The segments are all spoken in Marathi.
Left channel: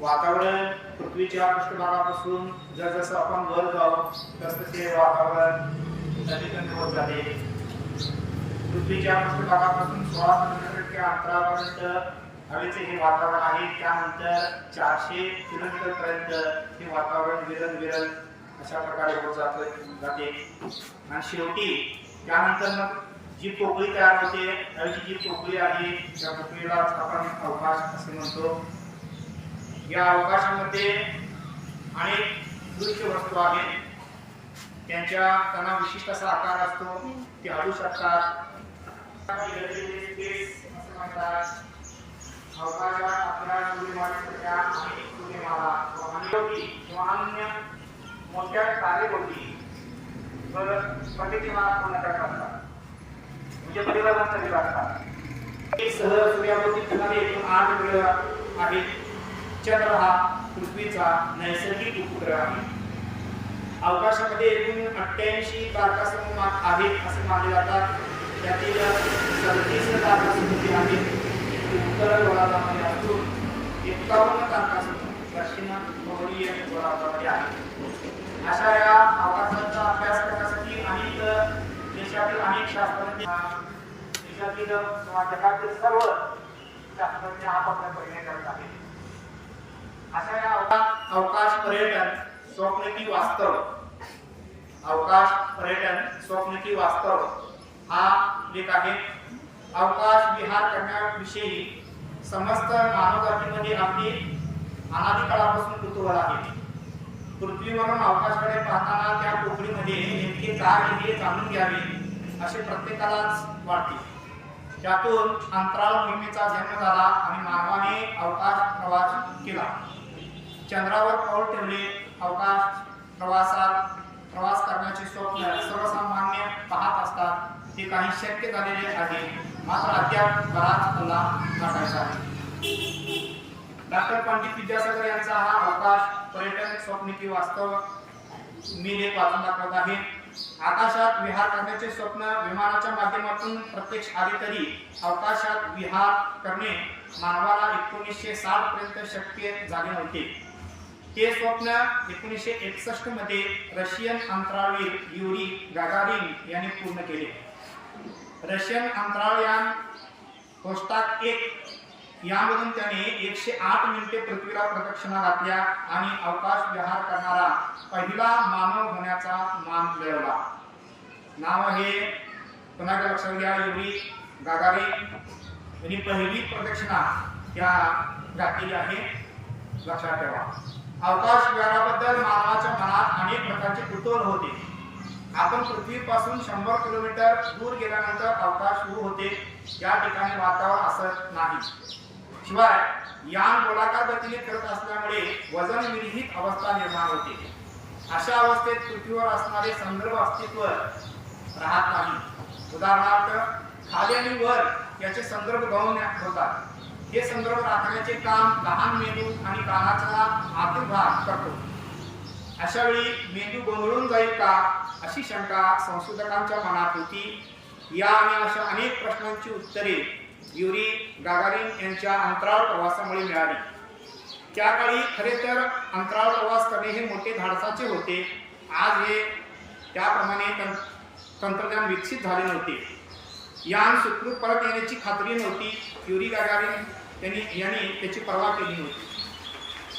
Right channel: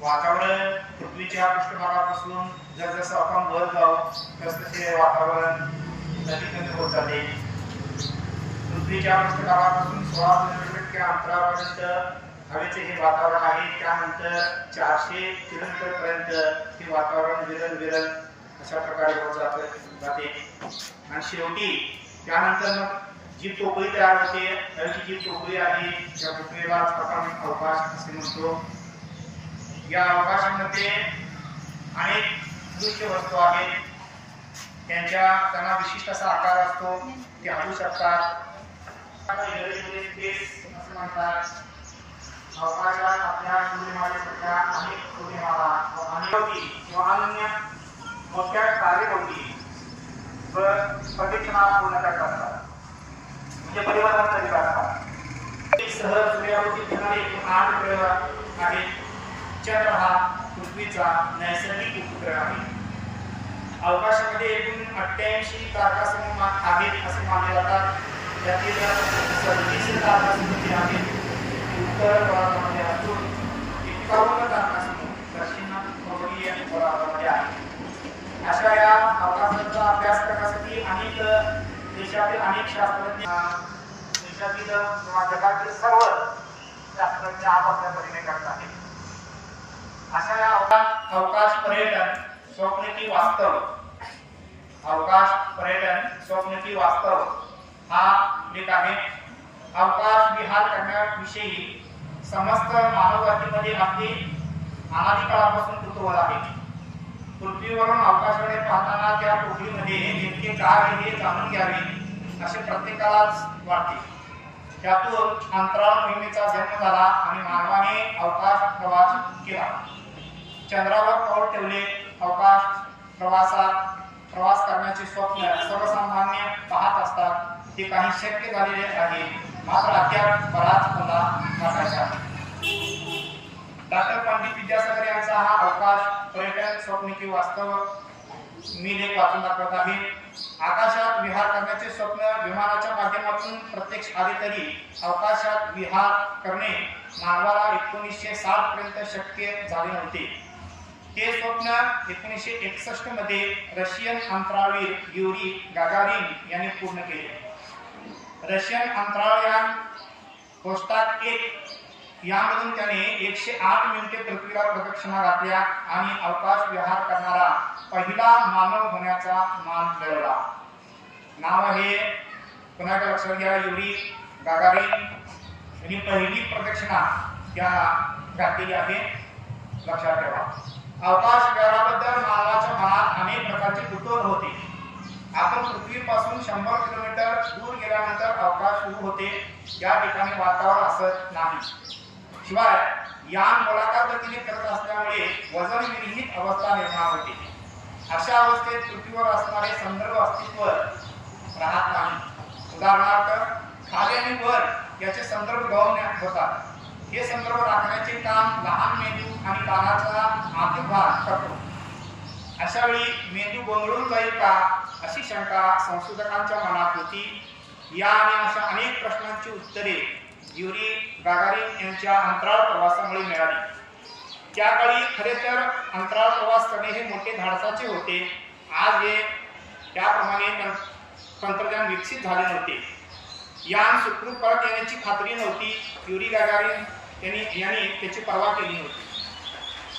वातावरण पृथ्वीच्या पृष्ठभागापासून जसजसं आपण वर जाऊ तसतसे वातावरण कमी होत जाते. पृथ्वीच्या पृष्ठभागापासून सोळा किलोमीटर इतक्या अंतरापर्यंत हवेचे हे वातावरण आहे त्यानंतर चारशे किलोमीटर पर्यंत हे वातावरण विरल विरल अशा प्रकारे होत जात जाते. आणि शेवटी त्यानंतर मग जी टोपळी तयार होते हवेची जी टोपळी आहे त्या टोपळीला आपण अवकाश असे म्हणतो. या अवकाशामध्ये अनेक दृश्य वस्तू आहेत. त्यांच्या त्यांना विशिष्ट असा आकार असतो. ते हलू शकतात. Space असं म्हणतात अवकाशात आपल्या सूर्यमानासारख्या अनेक सूर्यमाला अनेक किंवा अन्य मोठ्या तारेभोवती प्रदक्षिणा पूर्ण करतात. म्हणजे परिवर्तन तरी वाटतात एक सह सूर्याभोवती फिरणारे एकूण आठ ग्रह आहेत. चंद्र हा पृथ्वीचा नैसर्गिक उपग्रह आहे. अवकाशामध्ये एकूण अठ्ठ्याऐंशी तारकासमूह आहेत असे मानले जातात. त्यातील सव्वीस तारकासमूह आहेत उत्तर गोलार्धामध्ये असून एकावन्न तारकासमूह दक्षिण खगोलीय गोलार्धामध्ये आहेत. अशा या अवकाशाचा अभ्यास करण्यासाठी अनेक देशातील अनेक शास्त्रज्ञ देशातील किंवा जगातील सर्व शास्त्रज्ञ आपापल्या परीने करत आहेत. अशा या अवकाश अवकाश पर्यटन स्वप्न की वास्तव. अवकाश पर्यटन स्वप्न की वास्तव. हा लेख आहे. अवकाश विहार करण्याविषयी समस्त मानवजातीमध्ये अगदी अनादिकाळापासून कुतूहल आहे. पृथ्वीवरून अवकाशाकडे पाहताना त्या पोकळीमध्ये नेमके काय आहे हे जाणून घ्यावे असे प्रत्येकालाच वाटते. त्यातून अंतराळ मोहिमेचा जन्म झाला आणि मानवाने अवकाश प्रवास केला. चंद्रावर पाऊल ठेवले अवकाश प्रवासात प्रवास करण्याचे स्वप्न सर्वसामान्य पाहत असतात. ते काही शक्य झालेले आहे. मात्र अद्याप बराच हल्ला गाठायचा डॉक्टर पंडित विद्यासागर यांचा हा अवकाश पर्यटन स्वप्न की वास्तव मी लेख वाचून दाखवत आहे. आकाशात विहार करण्याचे स्वप्न विमानाच्या माध्यमातून प्रत्यक्ष आले तरी अवकाशात विहार करणे मानवाला एकोणीसशे साठ पर्यंत शक्य झाले नव्हते. ते स्वप्न एकोणीसशे एकसष्टमध्ये रशियन अंतराळवीर युरी गागारिन यांनी पूर्ण केले. रशियन अंतराळयान कोस्टाक एक यामधून त्याने एकशे आठ मिनिटे पृथ्वीला प्रदक्षिणा घातल्या आणि अवकाश विहार करणारा पहिला मानव होण्याचा मान मिळवला. नाव आहे पुन्हा एकदा लक्षात घ्या युरी गागारिन. यांनी पहिली प्रदक्षिणा त्या घातलेली आहे. लक्षात ठेवा. अवकाश विहाराबद्दल मानवाच्या मनात अनेक प्रकारचे कुतूहल होते. आपण पृथ्वीपासून शंभर किलोमीटर दूर गेल्यानंतर अवकाश सुरू होते. या ठिकाणी वातावरण असत नाही. शिवाय यान गोलाकार गतीने करत असल्यामुळे वजन विरहित अवस्था निर्माण होते. अशा अवस्थेत पृथ्वीवर असणारे संदर्भ अस्तित्व राहत नाही. उदाहरणार्थ खाली आणि वर याचे संदर्भ गौण होतात. हे संदर्भ राखण्याचे काम लहान मेंदू आणि कानाचा आतील भाग करतो. अशा वेळी मेंदू गोंधळून जाईल का अशी शंका संशोधकांच्या मनात होती. या आणि अशा अनेक प्रश्नांची उत्तरे युरी गागारिन यांच्या अंतराळ प्रवासामुळे मिळाली. त्या काळी खरे तर अंतराळ प्रवास करणे हे मोठे धाडसाचे होते. आज हे त्याप्रमाणे तं- तंत्रज्ञान विकसित झाले नव्हते. यान सुखरूप परत येण्याची खात्री नव्हती. युरी गागारिन त्याने याने त्याची पर्वा केली होती.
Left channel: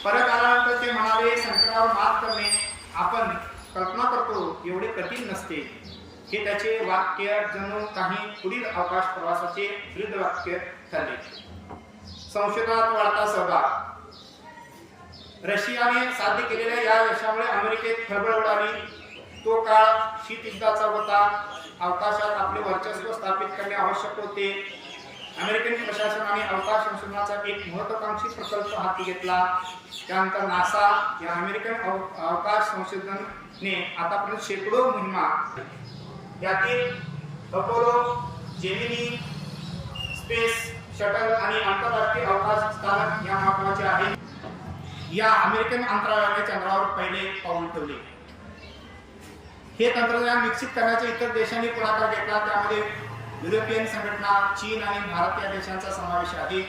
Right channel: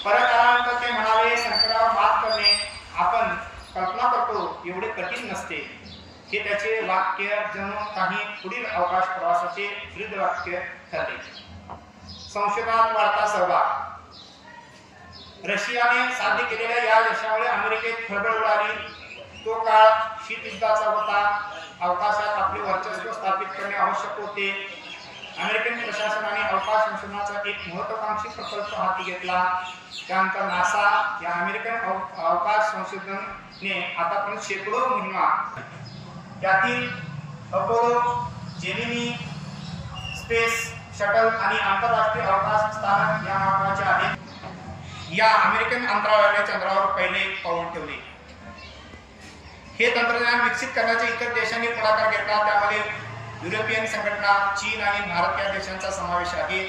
परत आल्यानंतर ते म्हणाले संकटावर मात करणे आपण कल्पना करतो एवढे कठीण नसते. हे त्याचे वाक्य जणू काही पुढील अवकाश प्रवासाचे दृढ वाक्य ठरले. संशोधनात वार्ता सहभाग. रशियाने साध्य केलेल्या या यशामुळे अमेरिकेत खळबळ उडाली. तो काळ शीतयुद्धाचा होता. अवकाशात आपले वर्चस्व स्थापित करणे आवश्यक होते. अमेरिकन प्रशासनाने अवकाश संशोधनाचा एक महत्वाकांक्षी प्रकल्प हाती घेतला. त्यानंतर नासा या अमेरिकन अव- अवकाश संशोधनने आतापर्यंत शेकडो मोहिमा यातील अपोलो जेमिनी स्पेस शटल आणि आंतरराष्ट्रीय अवकाश स्थानक या महत्त्वाचे आहेत. या अमेरिकन अंतराळाने चंद्रावर पहिले पाऊल ठेवले. हे तंत्रज्ञान विकसित करण्याचे इतर देशांनी पुढाकार घेतला. त्यामध्ये युरोपियन संघटना चीन आणि भारत या देशांचा समावेश आहे.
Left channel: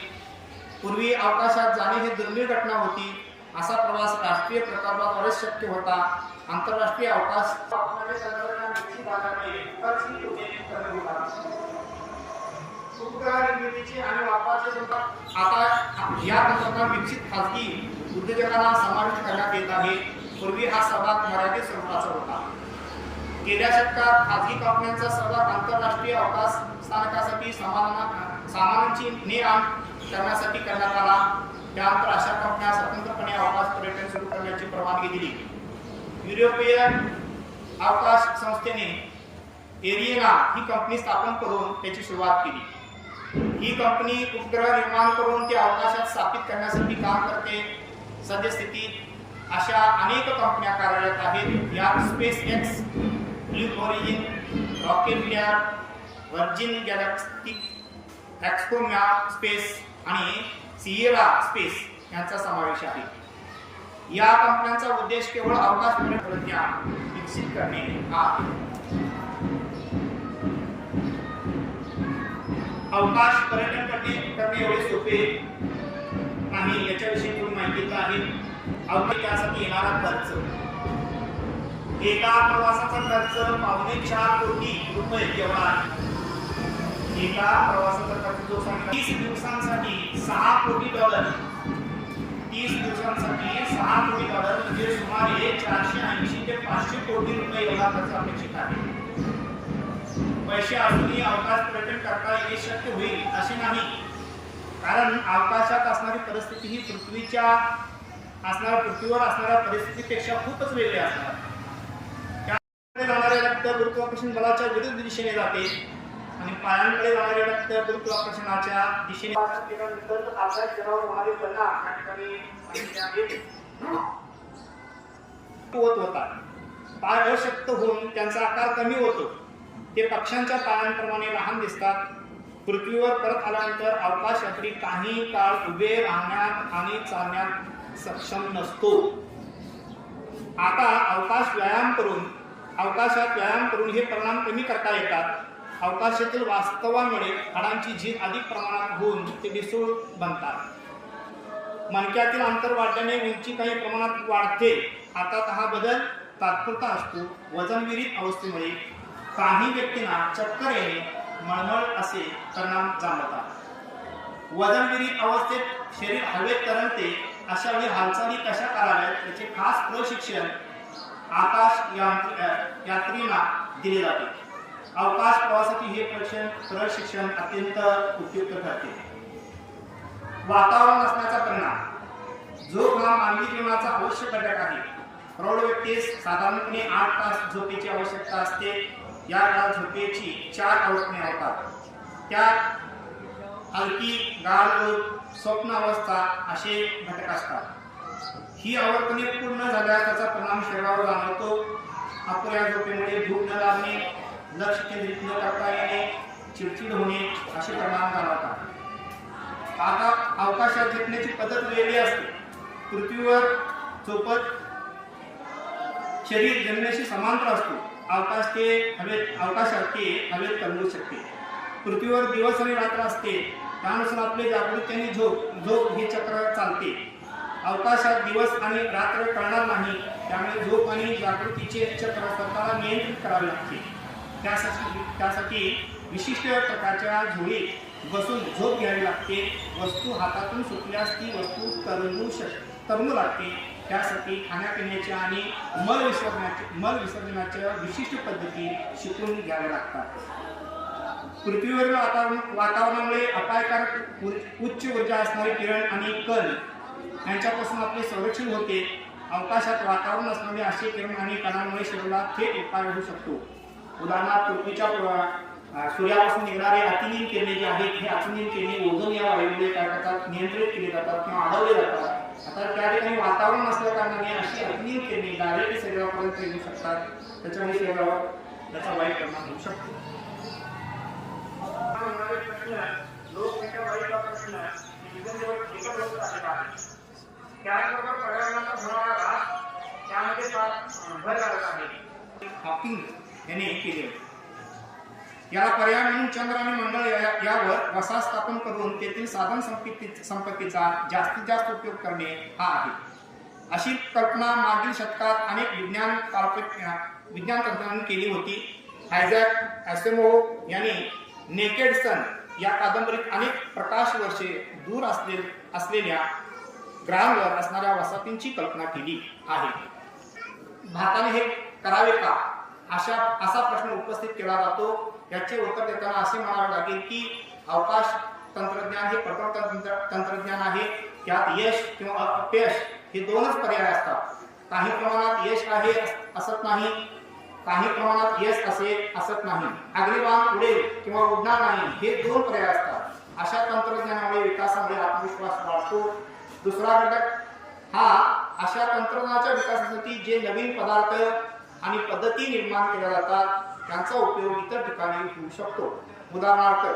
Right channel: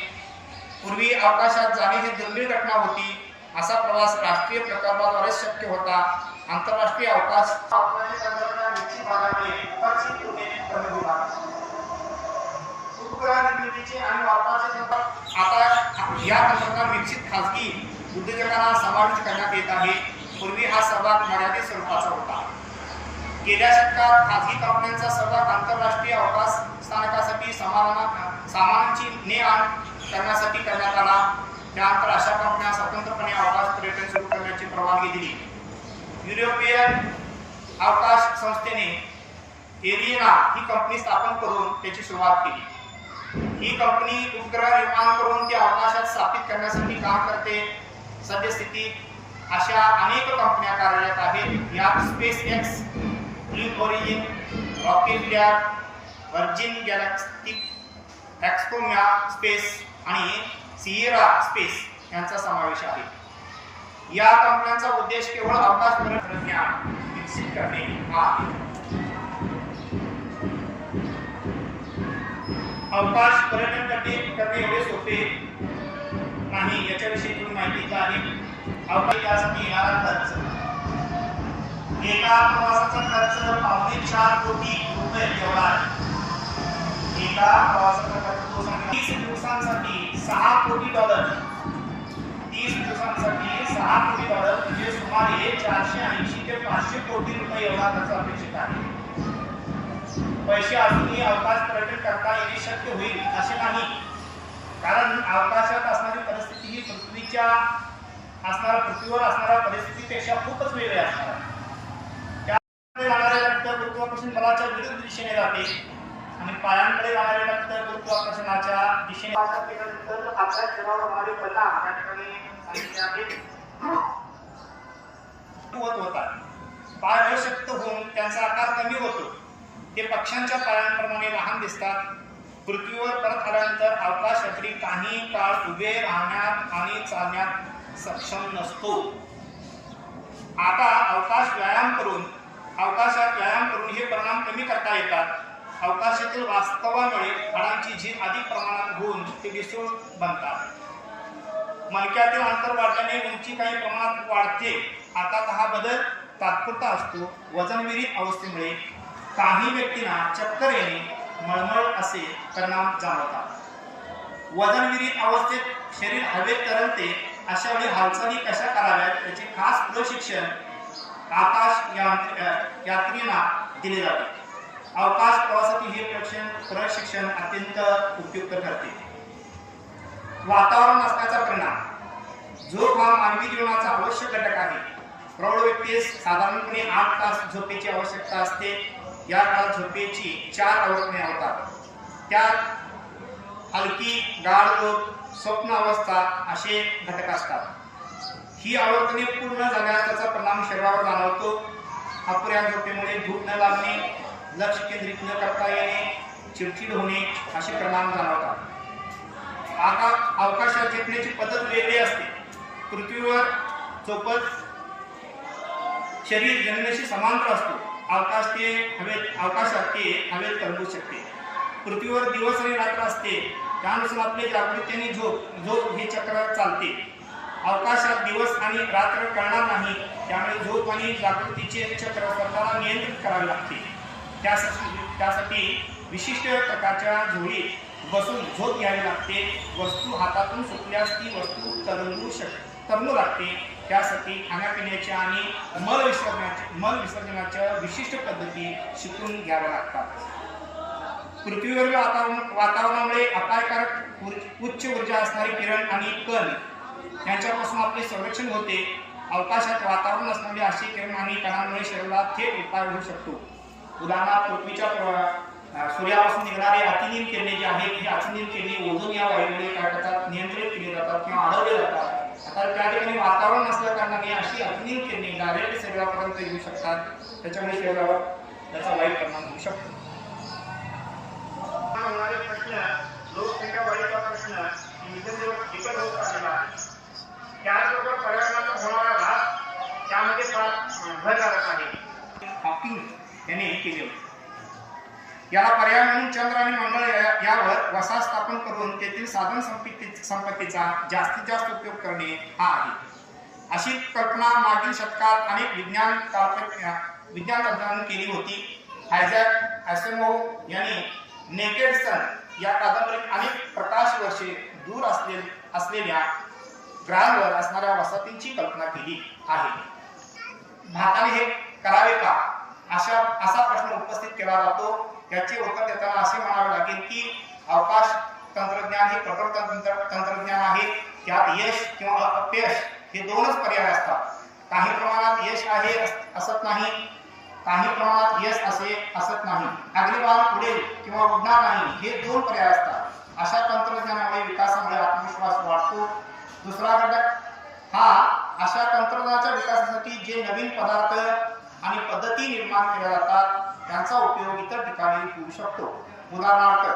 पूर्वी अवकाशात जाणे हे दुर्मिळ घटना होती. असा प्रवास राष्ट्रीय प्रकल्पाद्वारेच शक्य होता. आंतरराष्ट्रीय अवकाश आणि आता या तंत्रज्ञान विकसित खासगी उद्योजकांना समाविष्ट करण्यात येत आहे. पूर्वी हा सर्वात मर्यादित स्वरूपाचा होता. गेल्या शतकात खाजगी कंपन्यांचा सर्वात आंतरराष्ट्रीय अवकाश स्थानकासाठी सामान सामानांची ने आण करण्यासाठी करण्यात आला. त्यानंतर अशा कंपन्या स्वतंत्रपणे अवकाश पर्यटन सुरू करण्याची परवानगी दिली. युरोपियन अवकाश संस्थेने एरियना ही कंपनी स्थापन करून त्याची सुरुवात केली. ही कंपनी उपग्रह निर्माण करून ते अवकाशात स्थापित करण्यासाठी काम करते. सद्यस्थितीत अशा अनेक कंपन्या कार्यरत आहेत. यात SpaceX new Origin Rocket Lab Virgin Galactic एक्सकोम्या Space आणि सिएरा स्पेस यांचा समावेश आहे. या कंपन्यांचा उद्देश केवळ अवकाश तंत्रज्ञान विकसित करणे हा अवकाश पर्यटन करणे करणे एवढे सोपे नाही याच्याविषयी थोडी माहिती आहे. अवकाश यासाठी येणारा खर्च. एका प्रवासाचा खर्च पावणे चार कोटी रुपये एवढा आहे. एका प्रवासाचा खर्च तो सांगा. तीस दिवसांसाठी सहा कोटी डॉलर. तीस दिवसांसाठी सहा कोटी डॉलर म्हणजे सुमारे चारशे ऐंशी ते पाचशे कोटी रुपये एवढा खर्च अपेक्षित आहे. पैसे अजूनही अवकाश पर्यटन करता येणे शक्य होईल असे नाही. कारण अवकाशात असणारी परिस्थिती ही पृथ्वीच्या असणाऱ्या पृथ्वीवर असणाऱ्या परिस्थितीपेक्षा खूपच वेगळी असणार. आहे. रक्त गुरुत्वाकर्षण बलाच्या विरुद्ध दिशेने जाते. आणि पायांकडे जाणारे रक्त गुरुत्वाकर्षणाच्या दिशेने केल्यानंतर आपल्या शरीरावर होणारे परिणाम या ठिकाणी होत होतात. पाय अशक्त होऊन त्यांचा आकार कमी होतो. ते पक्ष्यांच्या पायांप्रमाणे लहान दिसतात. पृथ्वीवर परत आल्यानंतर अवकाश यात्री काही काळ उभे राहण्यात आणि चालण्यात सक्षम नसतो. आता अवकाश व्यायाम करून अवकाशात व्यायाम करून हे परिणाम कमी करता येतात. अवकाशातील वास्तवामुळे हाडांची झीज अधिक प्रमाणात होऊन ते डिसूळ बनतात. मणक्यातील अंतर वाढल्याने उंची काही प्रमाणात वाढते. आता हा बदल तात्पुरता असतो. वजनविरहित अवस्थेमुळे काही व्यक्तींना चक्कर येणे मळमळ असे परिणाम जाणवतात. वजनविरहित अवस्थेत शरीर हवेत तरंगते अशा वेळी हालचाली कशा कराव्यात याचे खास प्रशिक्षण आकाश यात्रेला यात्रींना दिले जाते. अवकाश प्रवासातील हे प्रशिक्षण प्रशिक्षण अत्यंत उपयुक्त ठरते. वातावरण नसण्याचा परिणाम. झोप हा मानवी जीवनाचा आवश्यक घटक आहे. प्रौढ व्यक्तीस साधारणपणे आठ तास झोपेची आवश्यकता असते. या काळात झोपेची चार अवस्थने होतात. त्यात हलकी गाढ झोप स्वप्न अवस्था असे घटक असतात. ही आवर्तने पूर्ण झाल्यास त्याचा परिणाम शरीरावर जाणवतो. अपुऱ्या झोपेमुळे भूक न लागणे लक्ष केंद्रित न करता येणे चिडचिड होणे असे परिणाम जाणवतात. आता अवकाशात झेपण्याची पद्धत वेगळी असते. पृथ्वीवर झोपत शरीर जमिनीशी समांतर असतो. अवकाश ते हवेत अवकाशात ते हवेत तरंगू शकते. पृथ्वीवर दिवस आणि रात्र असते. त्यानुसार आपले जागृती आणि झोप झोप हे चक्र चालते. अवकाशात दिवस आणि रात्र कळणार नाही. त्यामुळे झोप आणि जागृतीचे चक्र स्वतःला नियंत्रित करावे लागते. त्यासाठी त्यासाठी विशिष्ट प्रकारच्या झोळीत बसून झोप घ्यावी लागते. वस्तू हातातून सुटल्यास ती वस्तू तरंगू शक तरंगू लागते. त्यासाठी खाण्यापिण्याच्या आणि मल विसर्जनाच्या मल विसर्जनाच्या विशिष्ट पद्धती शिकून घ्याव्या लागतात. पृथ्वीवरील वातावरण वातावरणामुळे अपायकारक उच्च ऊर्जा असणारे किरण आणि कण यांच्यापासून आपले संरक्षण होते. अवकाशात वातावरण असणारे असे किरण आणि कणांमुळे शरीराला थेट उपाय होऊ शकतो. उदाहरणार्थ पृथ्वीच्या सूर्यापासून निघणारे अतिनील किरणे जे आहेत हे अतिनील किरणे ओझोन या वायूमुळे काय करतात नियंत्रित केले जातात किंवा अडवले जातात. आता त्या ठिकाणी वातावरण नसल्या कारणाने अशी अतिनील किरणे डायरेक्ट शरीरापर्यंत येऊ शकतात. त्याच्यामुळे शरीरावर त्याचा वाईट परिणाम होऊ शकतो. होणारे प्रश्न लोकसंख्या वाढीचा प्रश्न एकच त्याचबरोबर पर्यावरणाचा होणारा ऱ्हास त्यामध्ये फार भर आहे. हॉकिंग यांनी केले होते. याला पर्याय म्हणून चंद्र आणि मंगळ यावर वसा स्थापन करून तेथील साधन संपत्ती संपत्तीचा जास्तीत जास्त उपयोग करणे हा आहे. अशी कल्पना मागील शतकात अनेक विज्ञान काल्पनिक विज्ञान तंत्राने केली होती. हायझॅक ॲसेमो यांनी नेकेड सन या कादंबरीत अनेक प्रकाश वर्षे दूर असले असलेल्या ग्रहांवर असणाऱ्या वसाहतींची कल्पना केली आहे. भारताने हे करावे का? अशा असा प्रश्न उपस्थित केला जातो. याचे उत्तर देताना असे म्हणावे लागेल की अवकाश तंत्रज्ञान हे प्रकट तंत्र तंत्रज्ञान आहे. त्यात यश किंवा अपयश हे दोनच पर्याय असतात. काही प्रमाणात यश आहे असत नाही. काही प्रमाणात यश असे असत नाही. अग्निबाण उडेल किंवा उडणार नाही हे दोन पर्याय असतात. अशा तंत्रज्ञानामुळे विकासामुळे आत्मविश्वास वाढतो. दुसरा घटक हा अशा तंत्रज्ञानाच्या विकासासाठी जे नवीन पदार्थ आणि पद्धती निर्माण केल्या जातात त्यांचा उपयोग इतर ठिकाणी होऊ शकतो. उदाहरणार्थ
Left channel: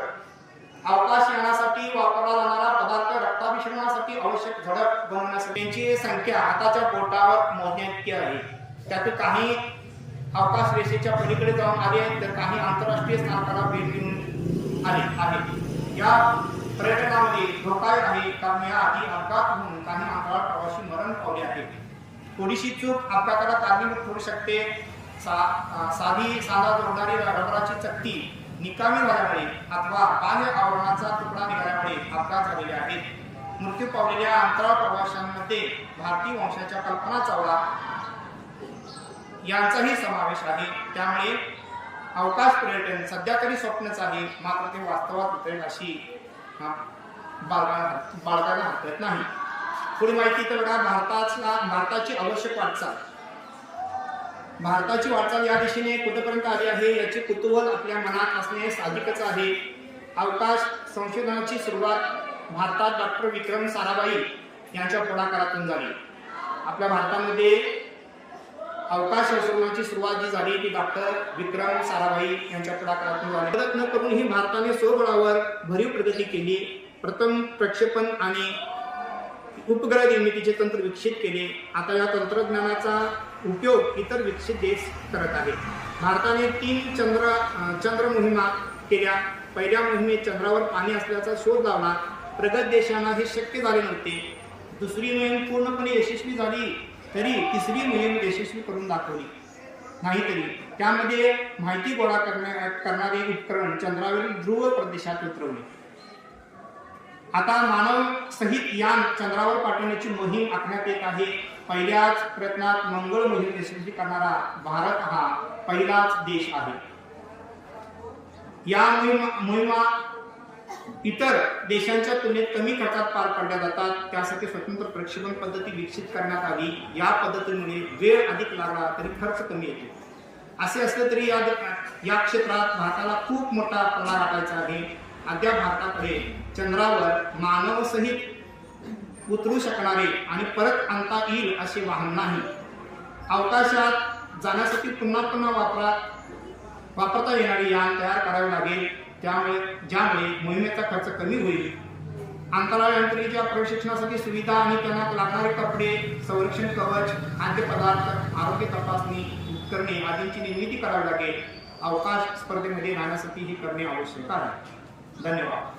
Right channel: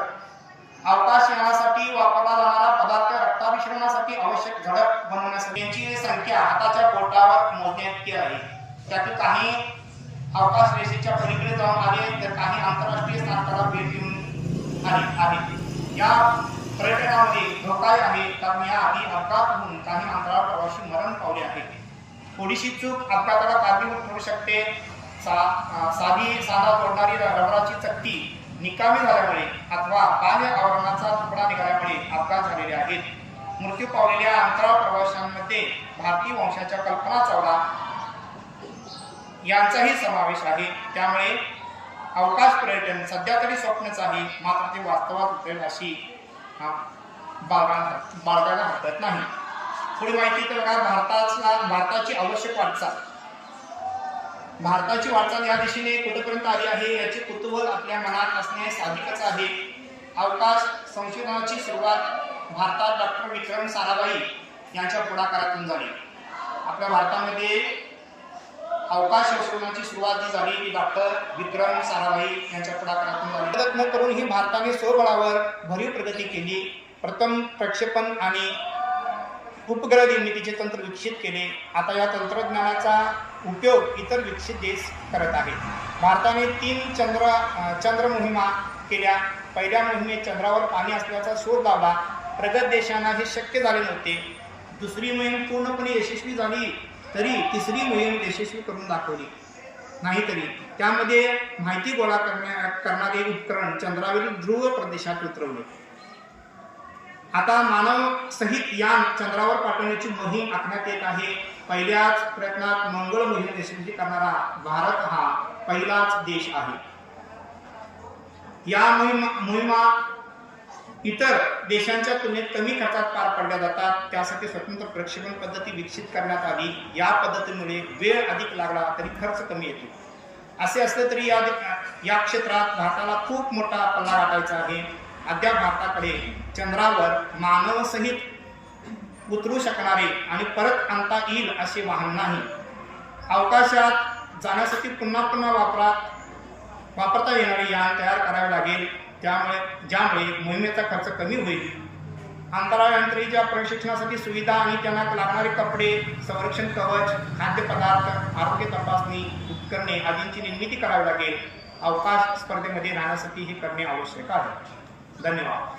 अवकाश यानासाठी वापरला जाणारा पदार्थ रक्ताभिसरणासाठी आवश्यक झडप बनवण्यासाठी त्यांची संख्या हाताच्या बोटावर मोजण्या आहे. त्यातील काही अवकाश रेषेच्या पलीकडे जाऊन आले आहेत तर काही आंतरराष्ट्रीय स्थानकाला भेट देऊन आले आहे या पर्यटनामध्ये धोकाही आहे कारण या आधी अपघात काही अंतराळ प्रवासी मरण पावले आहेत थोडीशी चूक अपघाताला कारणीभूत ठरू शकते. सा साधी सांधा जोडणारी रबराची चकती निकामी झाल्यामुळे अथवा बाह्य आवरणाचा तुकडा निघाल्यामुळे अपघात झालेले आहेत. मृत्यू पावलेल्या अंतराळ प्रवाशांमध्ये भारतीय वंशाच्या कल्पना चावला यांचाही समावेश आहे. त्यामुळे अवकाश पर्यटन सध्या तरी स्वप्नच आहे. मात्र ते वास्तवात उतरेल अशी अं, बाळगायला बाळगायला हरकत नाही. थोडी माहिती तर बघा भारताचा भारताची आवश्यक वाटचाल. भारताची वाटचाल या दिशेने कुठेपर्यंत आली आहे याचे कुतूहल आपल्या मनात असणे साधिकच आहे. अवकाश संशोधनाची सुरुवात भारतात डॉक्टर विक्रम साराभाई यांच्या पुढाकारातून झाली. आपल्या भारतामध्ये अवकाश संशोधनाची सुरुवात जी झाली ती डॉक्टर विक्रम साराभाई यांच्या पुढाकारातून झाली. प्रयत्न करूनही भारताने स्वबळावर भरीव प्रगती केली. प्रथम प्रक्षेपण आणि उपग्रह निर्मितीचे तंत्र विकसित केले. आता या तंत्रज्ञानाचा उपयोग इतर विकसित देश करत आहेत. भारताने तीन चंद्र चंद्र मोहिमा केल्या. पहिल्या मोहिमेत चंद्रावर पाणी असल्याचा शोध लावला. प्रगत देशांना हे शक्य झाले नव्हते. दुसरी मोहीम पूर्णपणे यशस्वी झाली तरी तिसरी मोहीम यशस्वी करून दाखवली. नाहीतरी त्यामध्ये माहिती गोळा करण्या करणारे उपकरण चंद्रावरील ध्रुव प्रदेशात उतरवले. आता मानव सहित यान चंद्रावर पाठवण्याची मोहीम आखण्यात येत आहे. पहिल्याच प्रयत्नात मंगळ मोहीम यशस्वी करणारा भारत हा पहिलाच देश आहे. या मोहिमा मोहिमा इतर देशांच्या तुलनेत कमी खर्चात पार पडल्या जातात. त्यासाठी स्वतंत्र प्रक्षेपण पद्धती विकसित करण्यात आली. या पद्धतीमुळे वेळ अधिक लागला तरी खर्च कमी येतो. असे असले तरी या या क्षेत्रात भारताला खूप मोठा पल्ला गाठायचा आहे. अद्याप भारताकडे चंद्रावर मानवसहित उतरू शकणारे आणि परत आणता येईल असे वाहन नाही. अवकाशात जाण्यासाठी पुन्हा पुन्हा वापरात वापरता येणारे यान तयार करावे लागेल. त्यामुळे ज्यामुळे मोहिमेचा खर्च कमी होईल. अंतराळयंत्रीच्या प्रशिक्षणासाठी सुविधा आणि त्यांना लागणारे कपडे संरक्षण कवच खाद्यपदार्थ आरोग्य तपासणी उपकरणे आदींची निर्मिती करावी लागेल. अवकाश स्पर्धेमध्ये राहण्यासाठी हे करणे आवश्यक आहे. धन्यवाद